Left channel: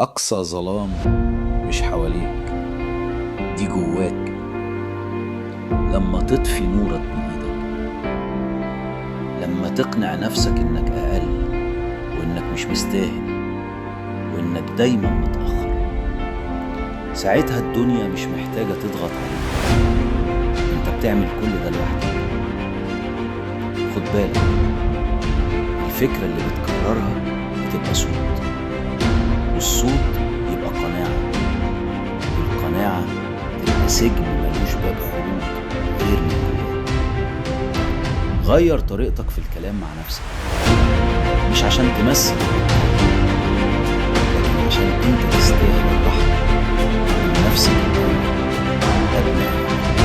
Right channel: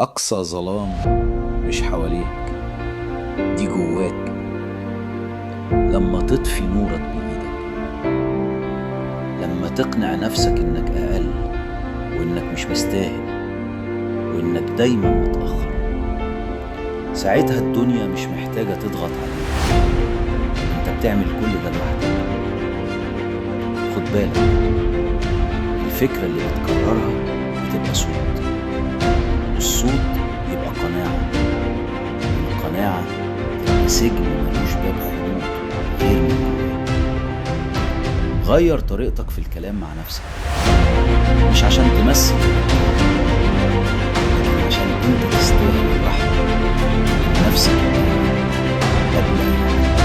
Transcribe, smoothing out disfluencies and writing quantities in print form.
أقصى ظلام مش حواليك، دي جواك. لما تطفي نورك بإيدك، لما تقنع نفسك إنك أقل وإنك مش مستاهل وإنك دايما متأخر، ساعتها الدنيا مش محتاجة تضغط عليك، انت بتعمل كل ده لوحدك. خد بالك، الفكرة اللي بتكررها بتبقى صوت، والصوت يبقى قناعة، والقناعة تبقى سجن ملوش باب خروج غير من جواك. غير طريقتك في الكلام مع نفسك، مش عشان تمثل، لكن عشان انت تستاهل الرحمة من نفسك قبل أي حاجة.